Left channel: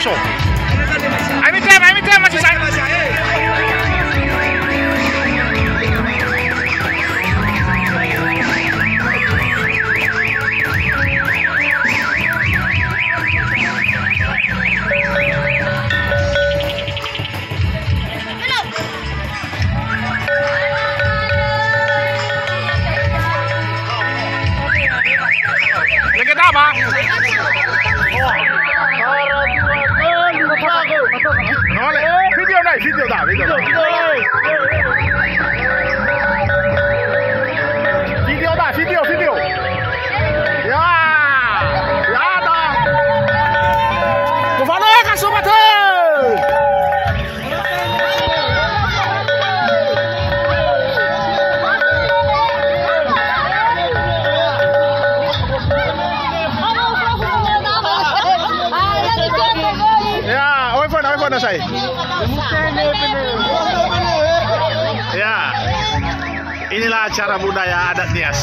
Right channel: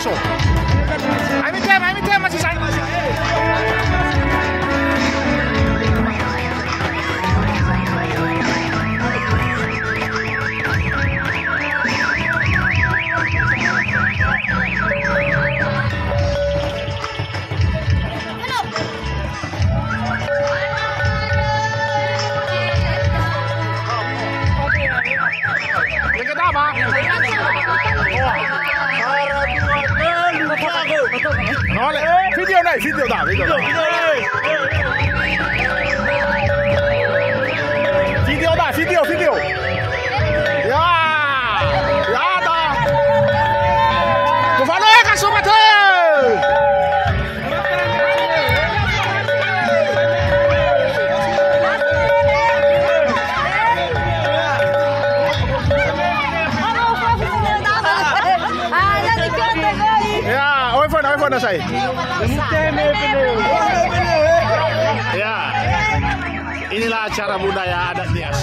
so. Ayo tem masih sayang. Apa? Video dah. Video. Ya dah. Kemana ya sobat? Ya, iPhone na saya. Ya, inilah acara budaya adat Nias.